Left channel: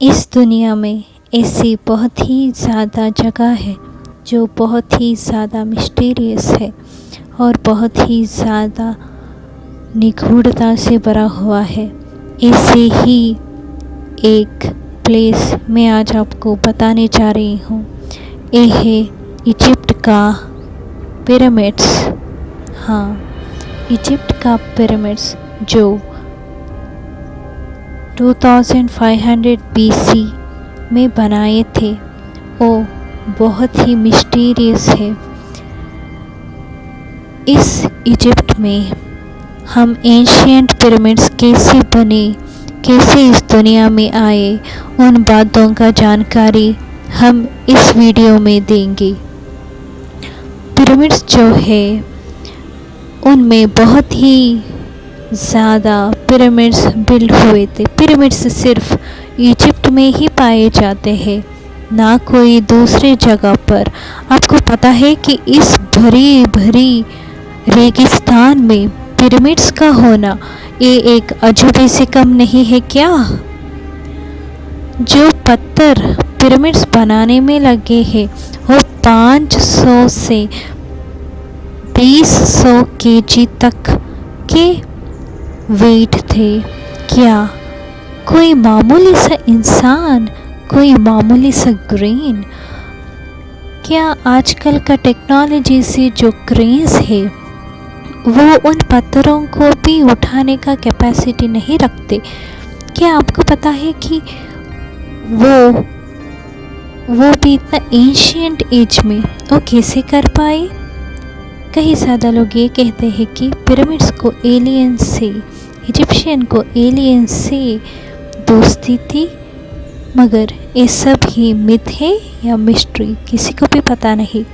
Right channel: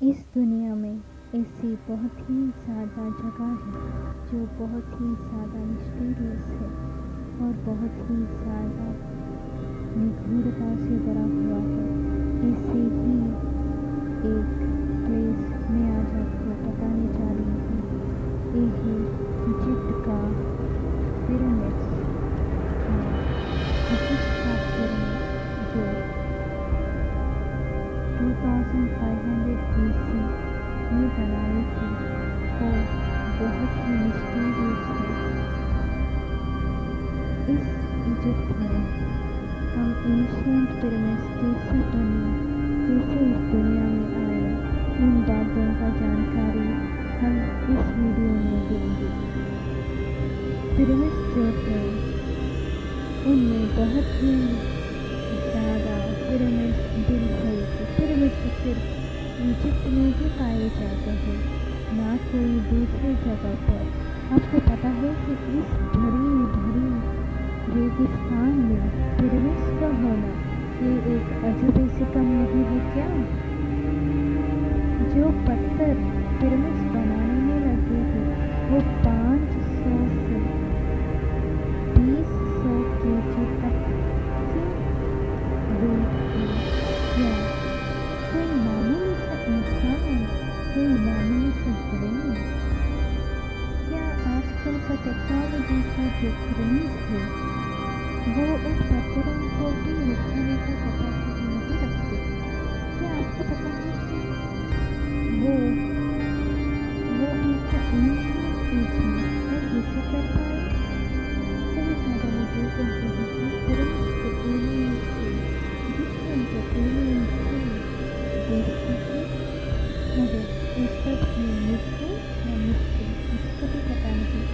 इस दुनिया में ऐसी बहुत ही ज़्यादा जगह है जो बहुत ही ज़्यादा मिस्टीरियस है और बहुत ही ज़्यादा निगूढ़ता से भरा हुआ है। ऐसे ही एक प्लेस मैं आज आपको बताने जा रही हूँ। ये है इजिप्ट का पिरामिड्स। हाँ, इजिप्ट का पिरामिड्स जो 2500 BC में बनाए थे, वो बहुत ही मिस्टीरियस है। इस इजिप्ट में हम एंशिएंट पिरामिड्स कैसे बने, कैसे इस दुनिया में आए, उन बातों का जानकारी हम इस वीडियो में देंगे। पिरामिड्स जो है उनमें बहुत ही ज़्यादा पिरामिड्स बिल्ड हुए थे। पिरामिड्स सिर्फ इजिप्ट में ही पाए जाते हैं, ना कोई दूसरे जगह पर। आपको पता है कि इस भरी भरी रेगिस्तान में पिरामिड्स का होना ये एक अजूबे से कम नहीं है क्या? जो पत्थर पिरामिड्स बनाने में लगे हैं वो 500 से 2000 kg तक के वेट थे। क्या कोई मामूली सा इंसान, कोई मामूली सा ग्रेन, क्या आजकल का टेक्नोलॉजी से जो क्रेन्स है वो उन पत्थरों को भी उठाने का कैपेसिटी नहीं रखते? क्या आपको पता है कि वो भी इतना एंशिएंट एज में वो कैसे कर पाए? कई ज़्यादा लोग ये कहते हैं कि पिरामिड्स को एलियन से, इजिप्शियन को एलियन से दोस्ती थी, मगर ये सब ही मिथ है या मिस्ट्री, किसी को भी पता नहीं।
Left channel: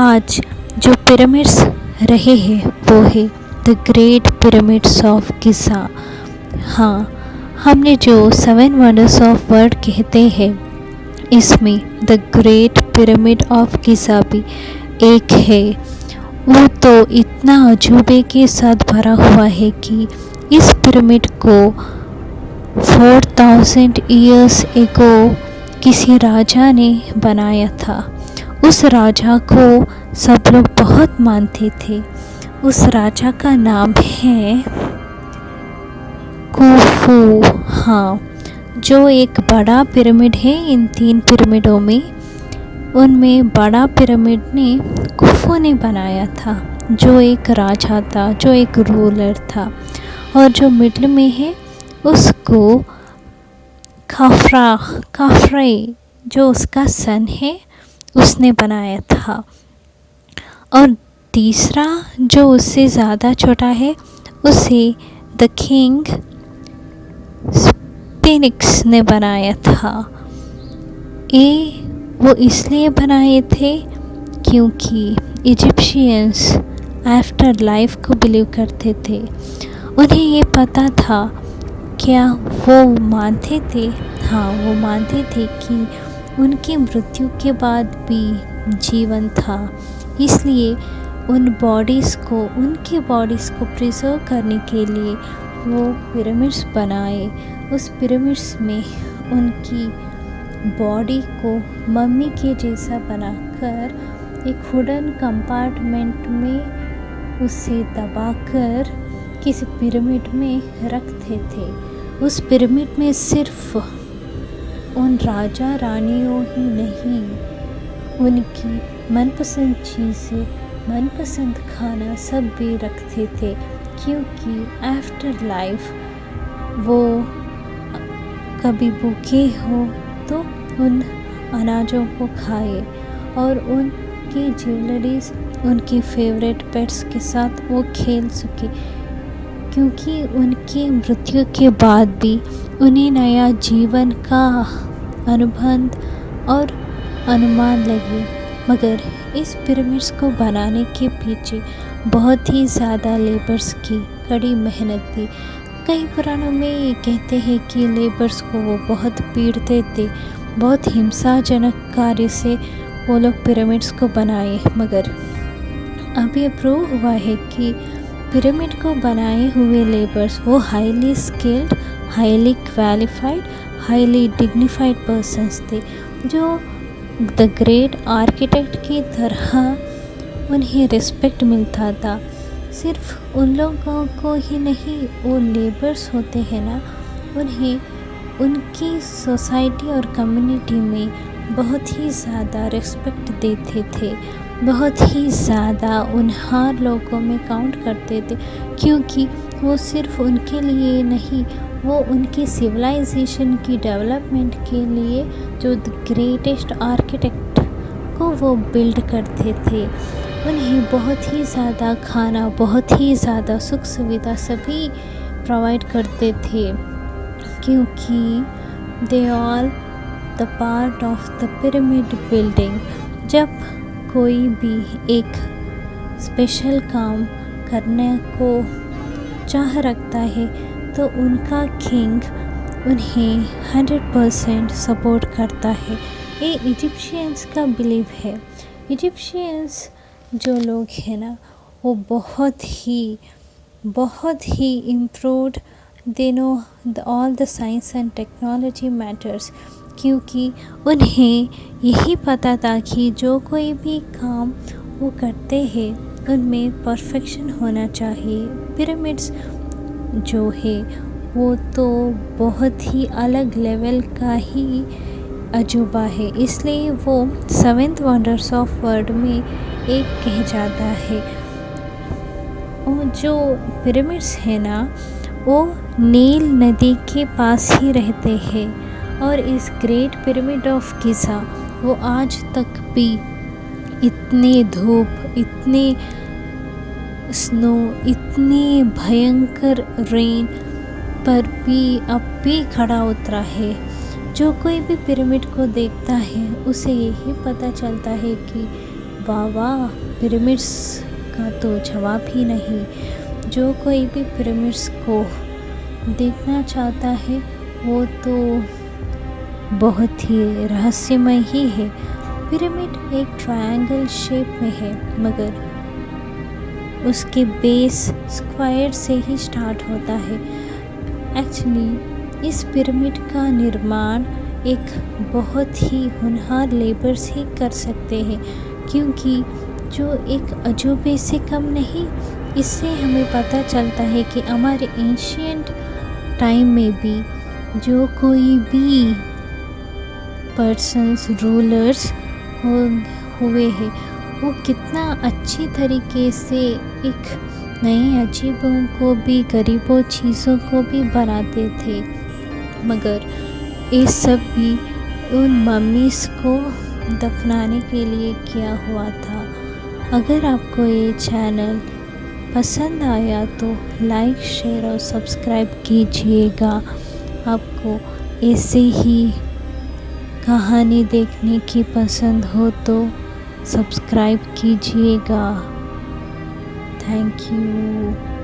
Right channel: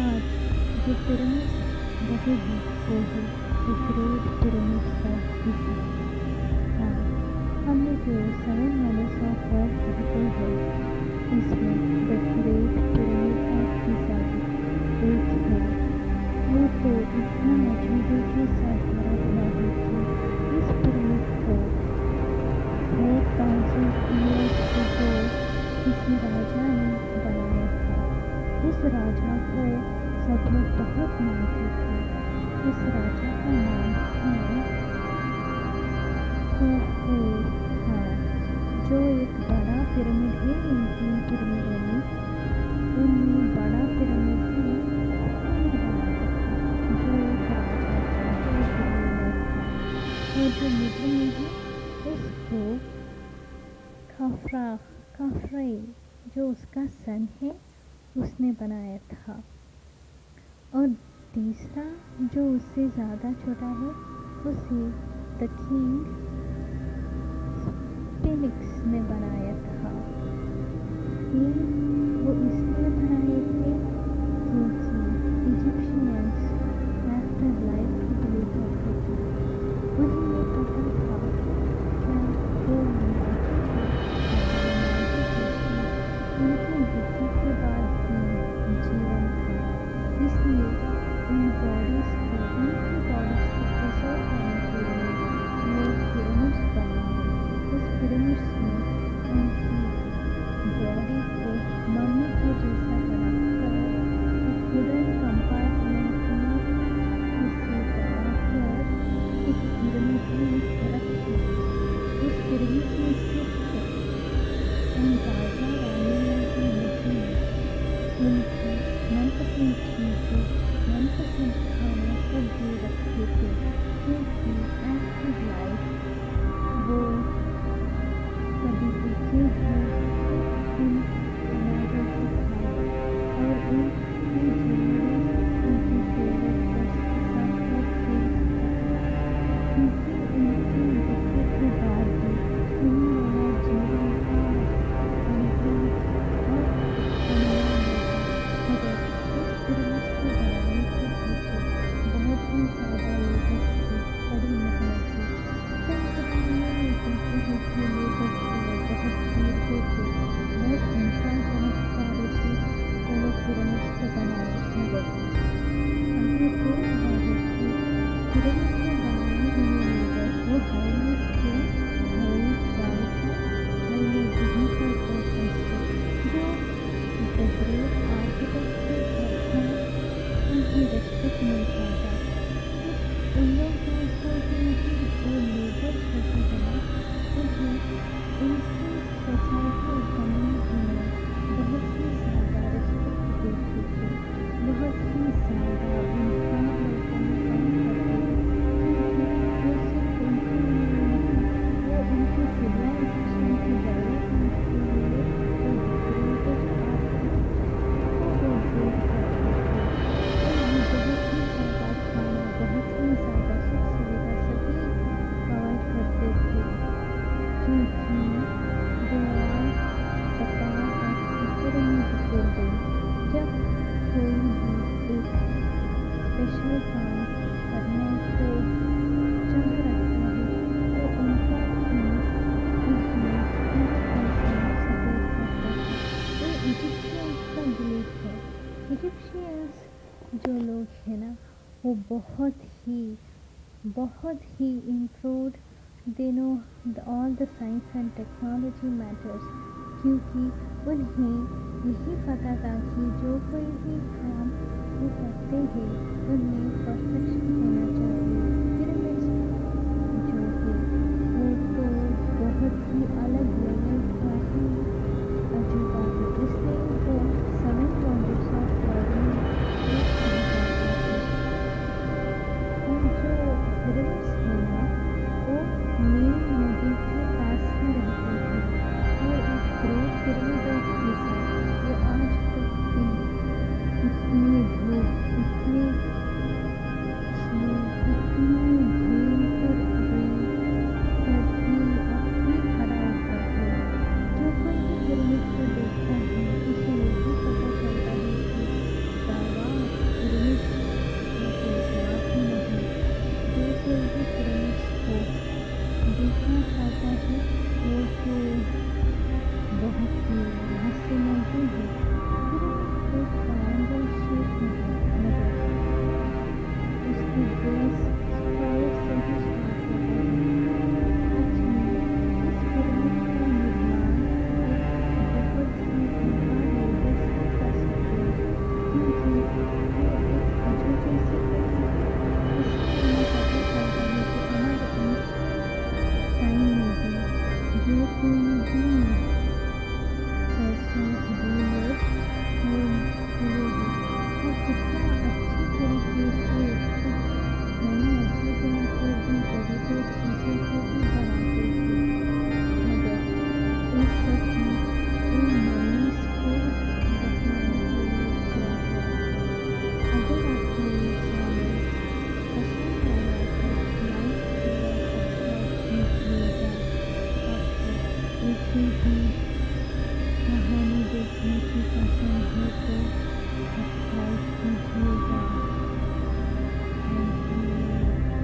आज जो पिरामिड्स रहे हैं वो है the great pyramids of Giza. हाँ, हमने जो 7 वंडर्स ऑफ वर्ल्ड कहते हैं, इसमें the great pyramid of Giza भी एक है। वो तो इतना अजूबे के साथ भरा हुआ है कि इस पिरामिड को 4000 ईयर्स एगो किसी राजा ने बनाया था। उस राजा को सब लोग बहुत मानते थे। उस राजा का नाम है खुफू। हाँ, जो एक बड़ा पिरामिड है इन 3 पिरामिडों में, उनमें बड़ा पिरामिड ने खुफू ने बनाया था, जो एक राजा था, जो एक रूलर था। और जो मिडल में है उसको खाफ्रे, जो उसका सन है, उसने बनाया था। और तीसरा जो उससे ज़्यादा छोटा है उसे द किंग स्फिंक्स ने बनाया था। ये वो इसलिए बनाए थे क्योंकि इजिप्शियंस आफ्टर लाइफ को बिलीव करते थे। उन्हें ये पता था, क्या वो मानते थे? हाँ, वो मानते थे कि उनकी मृत्यु के बाद भी जीवन था। इसलिए उनकी बॉडीज़ को प्रिजर्व करने के लिए वो पिरामिड्स बनाए। उस पिरामिड्स में उनकी बॉडी को मम्मी के जैसा बनाकर एक वुडन कंपार्टमेंट में उसे दबाकर किसी पिरामिड में रखते थे। उस पिरामिड में सिर्फ उन राजा रानियों ही नहीं, उनकी मनपसंद चीज़ें, मनपसंद खाना सब भी रखते थे, क्योंकि आफ्टर लाइफ वो कभी भूखे हो तो उन अनाजों को खाए और उनकी ज्वेलरीज, उनकी फेवरेट पेट्स के साथ वो खेल सके, क्योंकि उनकी मृत्यु के बाद भी उन्हें नया जीवन का अनुबंध और अनुमान लगे। मगर इस पिरामिड्स को बनाने के पीछे बहुत ही ज़्यादा लेबर्स की कड़ी मेहनत थी। कई पुराणों में ये कहते हैं कि लेबर्स को वो बहुत पीड़ते थे, बहुत हिंसाजनक कार्य से वो लोग पिरामिड्स को बनाए। मगर अब ये प्रूव हुआ है कि पिरामिड को बनाए हुए लेबर्स वो highly skilled, highly qualified, highly dignified persons थे, जो द ग्रेट आर्किटेक्ट की तरह उन्हें रिस्पेक्ट मिलता था। सिर्फ उन लोगों को ही नहीं, वो लेबर्स होते हैं ना, उन्हें उनकी सोसाइटी और कम्युनिटी में बहुत ही ज़्यादा रिस्पेक्ट देते थे, बहुत ही ज़्यादा उन हर लोगों में काउंट करते थे, क्योंकि वो सिर्फ उनके लिए नहीं, वो उनकी सिविलाइजेशन की डेवलपमेंट के लिए जो द ग्रेटेस्ट आर्किटेक्ट को वो बिल्ड करते थे। उन्हें बहुत ही ज़्यादा खाना, बहुत ही ज़्यादा सुख सुविधा सभी प्रोवाइड करते थे, क्योंकि they all the part of the pyramid building. जब कोई भी एक स्पेशल काम करने को चाह रखता है तो उनका किंग उन्हें 100% सपोर्ट करता है। ये इजिप्शियंस का बिलीव है। इजिप्शियंस जो लोग हैं ना, वो बहुत ही improved, they know all the science and technology matters, क्योंकि उन्हें यही पता था कि जो कोई भी काम वो करते हैं उनमें परफेक्शन होना चाहिए। पिरामिड्स जो है वो तो बहुत ही अलग लेवल का ही अजूबा है, इसलिए वो 7th वंडर्स ऑफ वर्ल्ड में एक कह जाता है। और जो पिरामिड्स है ना, वो नील नदी के पास ही रहते हैं, और इस ग्रेट पिरामिड ऑफ गिज़ा वो आज तक भी इतनी धूप, इतनी स्नो, इतनी भयंकर रेन पर भी अब भी खड़ा उतरा है। जो कोई भी पिरामिड को देखता है उसे यही पता चलता है कि वाह वाह, पिरामिड्स का तो जवाब ही नहीं। जो कोई भी पिरामिड्स को देखना चाहता है वो तो बहुत ही रहस्यमय ही है। पिरामिड एक ट्रायंगल शेप में है, मगर उसके बेस स्क्वायर से ही स्टार्ट होता है। एक्चुअली इस पिरामिड का निर्माण एक बहुत ही होनहार लेबर्स ही कर सकते हैं, क्योंकि जो एक अजूबे से कम नहीं। इससे हमें पता चलता है कि हमारे एंशिएंट टाइम में भी जो कोई भी पर्सन्स, रूलर्स हुए हैं, वो कितना अच्छी तरीके से एक नए अजीबों को भी, गरीबों चीज़ों को भी बनाते थे। मगर ये सब भी उन मम्मीज़ को दफनाने के लिए किया हुआ था। अगर आपको ये चैनल पसंद आया तो लाइक, शेयर और सब्सक्राइब कीजिएगा। आपको ऐसे ही कहानी देखने की पसंद हो तो सब्सक्राइब कीजिएगा। Thank you.